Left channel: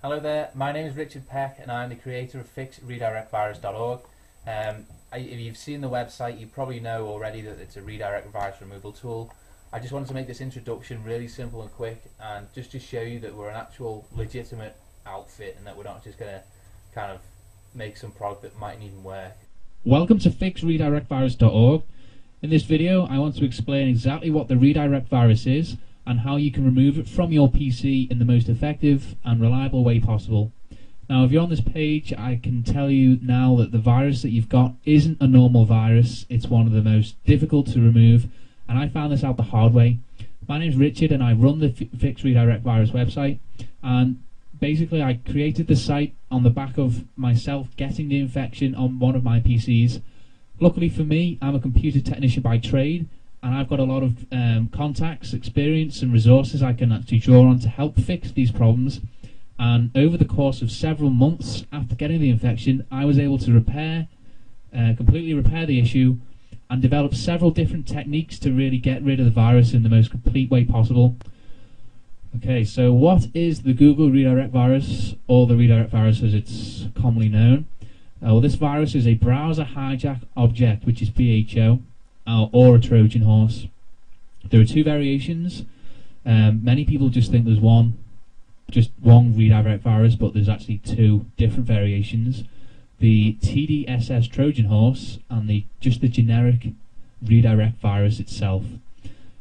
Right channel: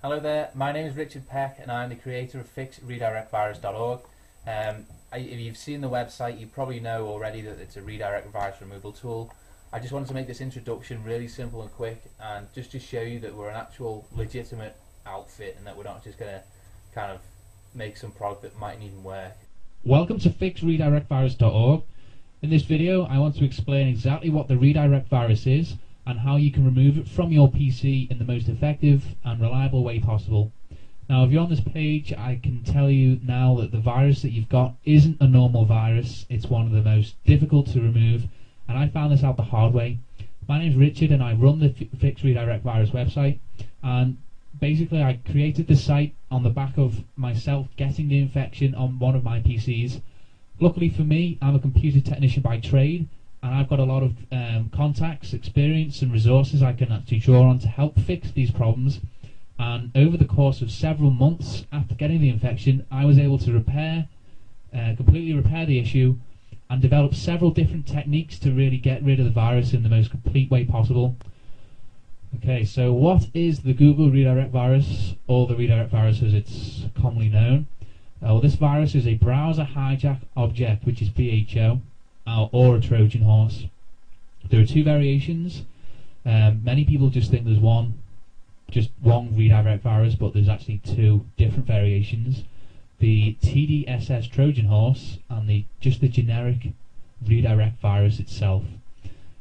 Hello there, my name is Richard Peck and I'm the creator of FixRedirectVirus.org. If you've seen the website, you probably know already that it's a redirect virus removal tool. I just wanted to make this introduction really simple and quick, and just to show you that we're an actual legitimate outfit and that we're not just going to kind of make some product that mightn't even work. Welcome to FixRedirectVirus.org. In this video I want to explain exactly what the redirect virus is and how you can remove it from your PC in the most effective and reliable way possible. Now, if you're on this page, I can tell you now that the virus that you've got isn't a normal virus. It's one of the most difficult to remove, and I found this out the hard way. My name's Richard and I run the Fix Redirect Virus website, and basically I created the site on the back of myself getting the infection on one of my PCs. Luckily for me, I'm a computer technician by trade, and I've got a lot of contacts, experience and resources I can actually draw on to help fix these problems. And over the course of several months after getting the infection, I was able to completely repair the issue and develop several different techniques to really get rid of the virus in the most complete way possible. Okay, so what is the Google redirect virus, or the redirect virus as it's commonly known? Well, this virus is a browser hijack object, which is BHO, or a Trojan horse. There are two variations. Many people just think there's one redirect virus, but there's actually two different variations: the TDSS Trojan horse and the generic redirect virus itself.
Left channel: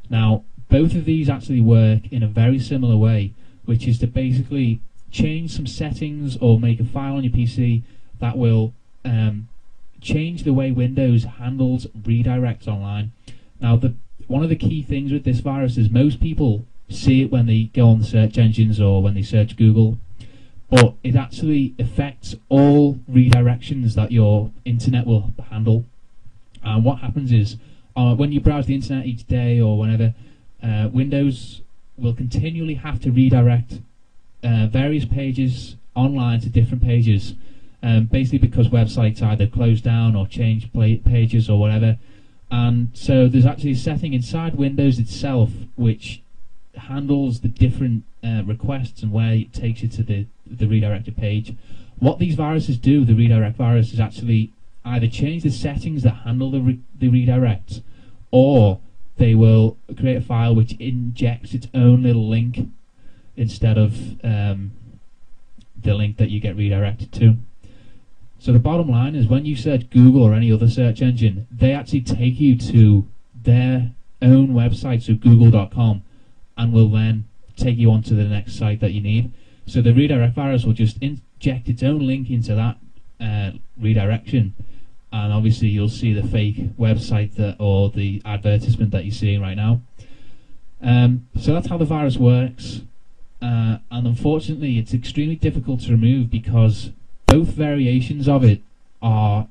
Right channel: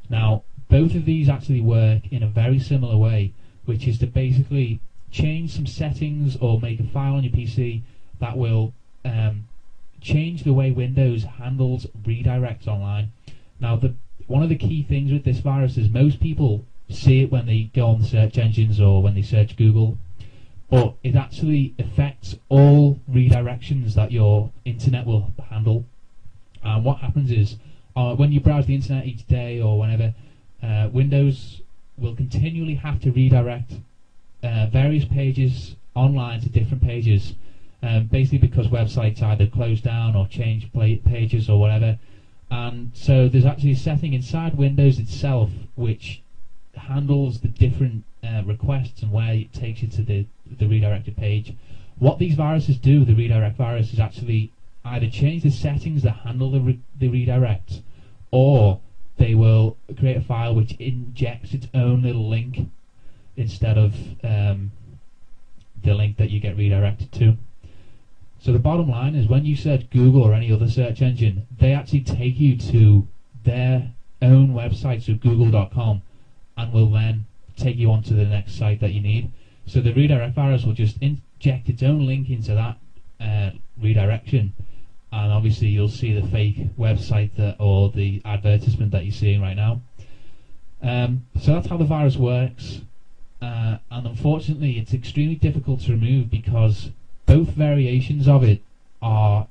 Now, both of these actually work in a very similar way, which is to basically change some settings or make a file on your PC that will change the way Windows handles redirects online. Now, one of the key things with this virus is most people see it when they go on search engines or when they search Google, but it actually affects all redirections that your internet will handle. And what happens is, when you browse the internet each day or whenever, Windows will continually have to redirect various pages online to different pages, basically because websites either close down or change pages or whatever. And so there's actually a setting inside Windows itself which handles the different requests and where it takes you to the redirected page. What these viruses do, the redirect virus, is actually either change the settings that handle the redirect, or they will create a file which injects its own little link instead of the link that you get redirected to. So the bottom line is, when you search Google or any other search engine, they actually take you to their own website, so google.com, and will then take you on to the next site that you need. So the redirect virus will just inject its own link into that redirection, and obviously you'll see the fake website or the advertisement that you're seeing right now. So that's how the virus works, and unfortunately it's extremely difficult to remove because both variations of it are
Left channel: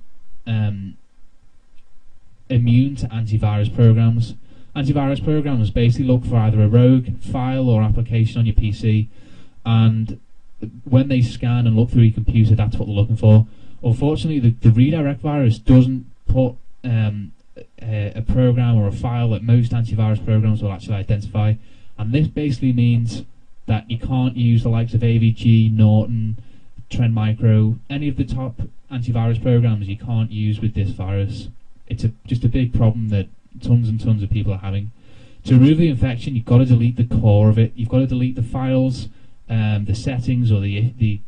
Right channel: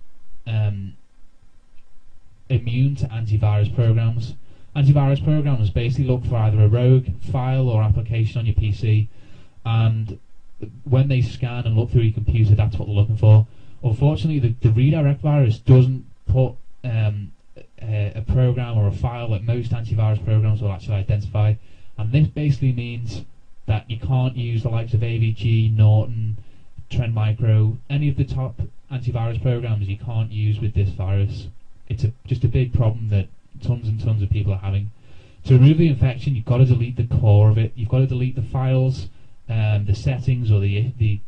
immune to antivirus programs. Antivirus programs basically look for either a rogue file or application on your PC, and when they scan and look through your computer, that's what they're looking for. Unfortunately, the redirect virus doesn't put a program or a file that most antivirus programs will actually identify, and this basically means that you can't use the likes of AVG, Norton, Trend Micro, any of the top antivirus programs you can't use with this virus. It's just a big problem that tons and tons of people are having. To remove the infection, you've got to delete the core of it. You've got to delete the files, the settings, or the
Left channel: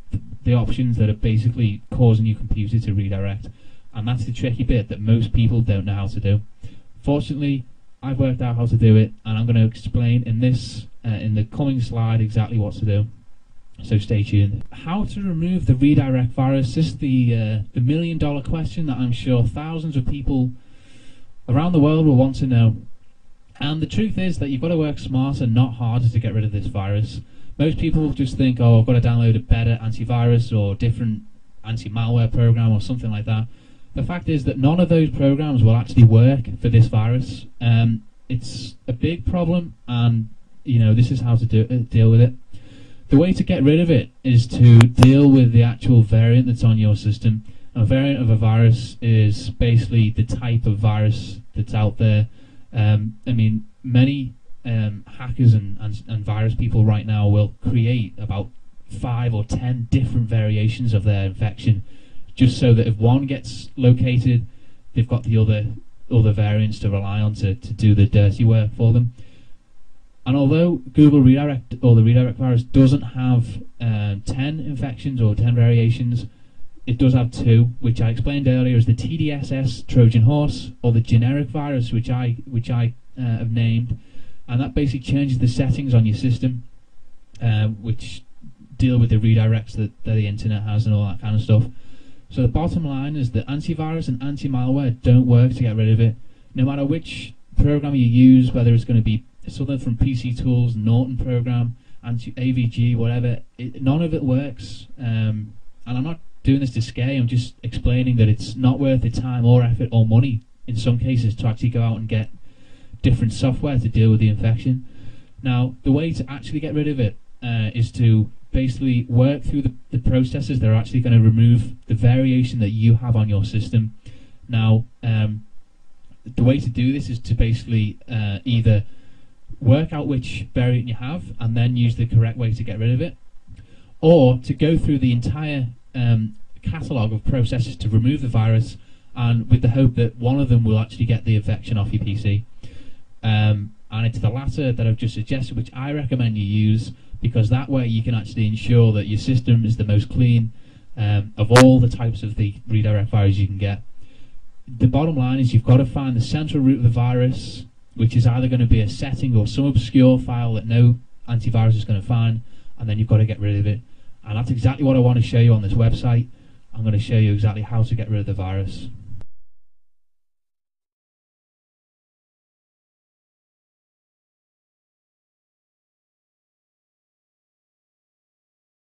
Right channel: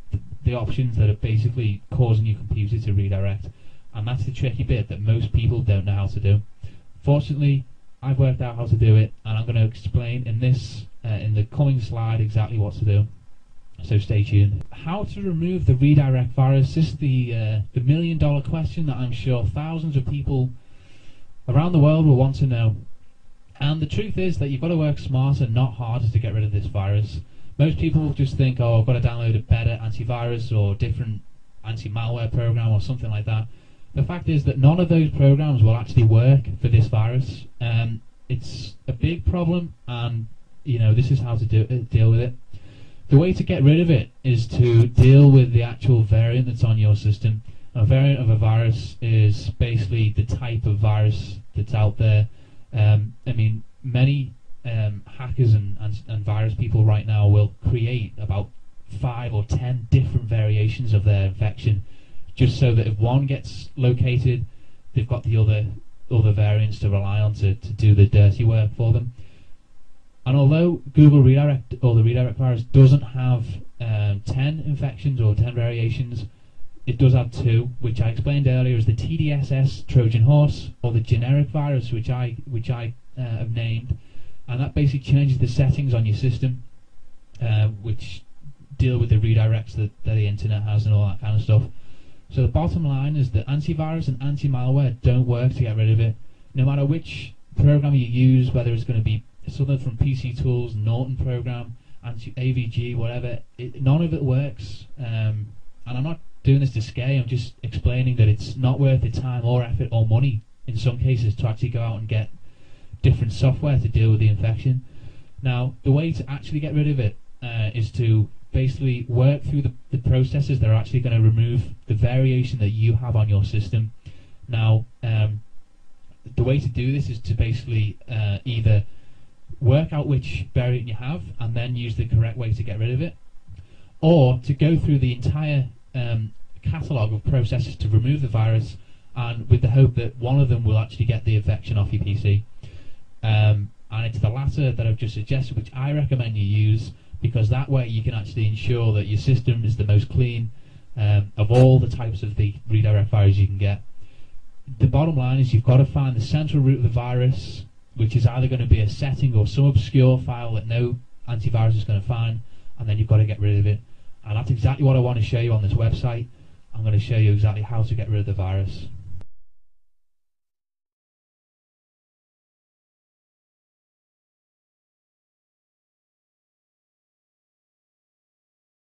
options that are basically causing your computer to redirect. And that's the tricky bit that most people don't know how to do. Fortunately, I've worked out how to do it, and I'm going to explain in the coming slide exactly what to do. So stay tuned. How to remove the redirect virus? This is the million-dollar question that I'm sure thousands of people around the world will want to know. And the truth is that you've got to work smarter, not harder, to get rid of this virus. Most people just think, oh, I've got to download a better antivirus or different anti-malware program or something like that. The fact is that none of those programs will actually work for this virus. It's a big problem, and this is how to deal with it. The way to get rid of it is to deal with the actual variant that's on your system. A variant of a virus is basically the type of virus that's out there. Many hackers and virus people right now will create about 5 or 10 different variations of their infection, just so that if one gets located, they've got the other variants to rely on to do the dirty work for them. And although Google Redirect, or the redirect virus, doesn't have 10 infections or 10 variations, it does have 2, which I explained earlier as the TDSS Trojan horse, or the generic virus, which I have named, and that basically changes the settings on your system, which deal with the redirects that the internet has and all that kind of stuff. So the bottom line is that antivirus and anti-malware don't work to get rid of it. No matter which program you use, whether it's going to be something from PC Tools, Norton program, AVG, whatever, none of it works. And I'm not doing this to scare you, I'm just explaining that it's not worth the time or effort or money in some cases to actually go out and get different software to deal with the infection. Now, the way to actually get rid of it is to basically work through the processes that are actually going to remove the variation that you have on your system. Now, the way to do this is to basically either work out which variant you have and then use the correct way to get rid of it, or to go through the entire catalogue of processes to remove the virus, and with the hope that one of them will actually get the infection off your PC. And it's the latter that I've just suggested, which I recommend you use, because that way you can actually ensure that your system is the most clean of all the types of the redirect virus you can get. The bottom line is you've got to find the central root of the virus, which is either going to be a setting or some obscure file that no antivirus is going to find, and then you've got to get rid of it. And that's exactly what I want to show you on this website. I'm going to show you exactly how to get rid of the virus.